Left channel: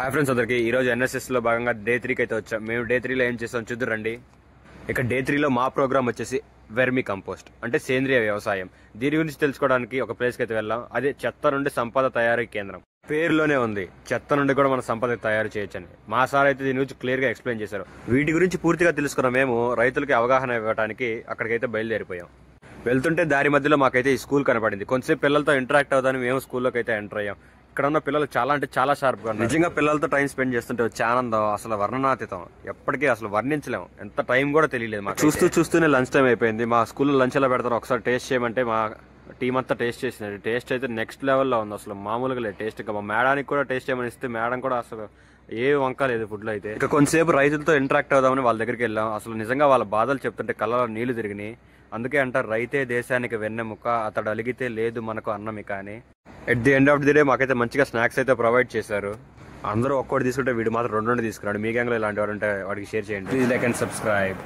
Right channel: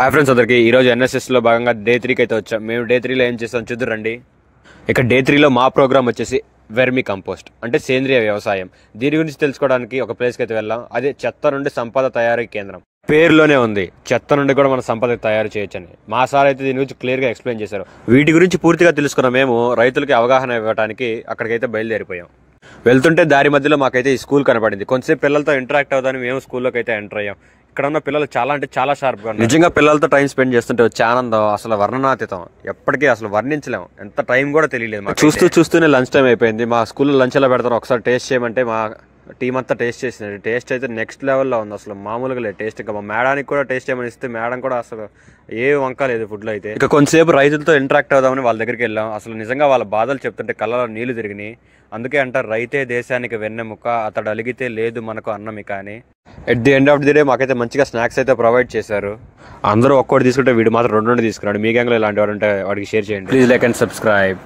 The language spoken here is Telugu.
హాయ్ ఫ్రెండ్స్ అందరికి ఈ రోజు ఎన్ఎస్ఎస్ లో భాగంగా డే 3కి అయితే వచ్చాం. మేము డే 3లో ఏం చేస్తాం చూద్దురండి. ఇక డే 3లో మా ప్రోగ్రామ్ వచ్చేసి వెర్మి కంపోస్ట్ అంటే సేంద్రియ వ్యవసాయం. దీని గురించి తెలుసుకోవడానికి ఒక ప్లేస్కి అయితే వెళ్ళాం. అదే చెత్త నుండి సంపద తయారీ కేంద్రం. పేరులోనే ఉంది, చెత్త నుండి కూడా మన సంపద తయారు చేయొచ్చని. మా సార్ అయితే దీని గురించి క్లియర్ గా ఎక్స్ప్లెయిన్ చేశారు. వీటి గురించి పూర్తిగా తెలుసుకున్న మేము రైతులకి అవగాహన ఇవ్వడానికి అక్కడికైతే బయలుదేరిపోయాం. వెళ్తుంటే దారి మధ్యలో మాకైతే ఈ స్కూల్ కనపడింది. కొంచెంసేపు పిల్లలతో ఇంటరాక్ట్ అవుదాని మేము స్కూల్లోకి అయితే ఎంటర్ అయ్యాం. ఇక్కడ ఉన్న పిల్లలు చాలా అంటే చాలా షార్ప్ గా, నిజంగా పిల్లలతో టైం స్పెండ్ చేస్తుంటే వచ్చే ఆనందం అసలు వర్ణనాతీతం, ఎప్పటికీ అసలు వర్ణించలేము. ఎంత టైం కూడా తెలియలేదు మాకు. చూస్తూనే లంచ్ టైం అయిపోయింది. మా స్కూల్లో లంచ్ ఎలా పెడతారు ఒకసారి టేస్ట్ చేయమంటే మా టీం అంతా టేస్ట్ చేసింది. టేస్ట్ అయితే నెక్స్ట్ లెవెల్లో ఉంది, అసలు మామూలుగా లేదు టేస్ట్. ఇంకా మా మేడానికి కూడా టేస్ట్ చేయమని ఇస్తే మేడం కూడా అసలు ఏ వంక లేదు ఫుడ్ లో అయితే. ఇక కొంతసేపు రైతులతో ఇంటరాక్ట్ అవుదామని వాళ్ళ దగ్గరికి వెళ్ళాం. అసలు నిజంగా వాళ్ళ బాధలు చెప్తుంటే కళ్ళలో నీళ్లు తిరిగినాయి. అందుకే అంటారు రైతే దేశానికి వెన్నెముక, అతడు అలిగితే లేదు మనకు అన్నమిక అని. At the end of the day మాకైతే మంచిగా స్నాక్స్ అయితే ప్రొవైడ్ చేశారు. అందరూ ఒక్కోటి తీసుకుంటే వీడు మాత్రం రెండు తీసుకున్నాడు. మీ గ్యాంగ్లో ఇలాంటి వాడు ఉంటే వాడికి షేర్ చేయండి. Please like and subscribe.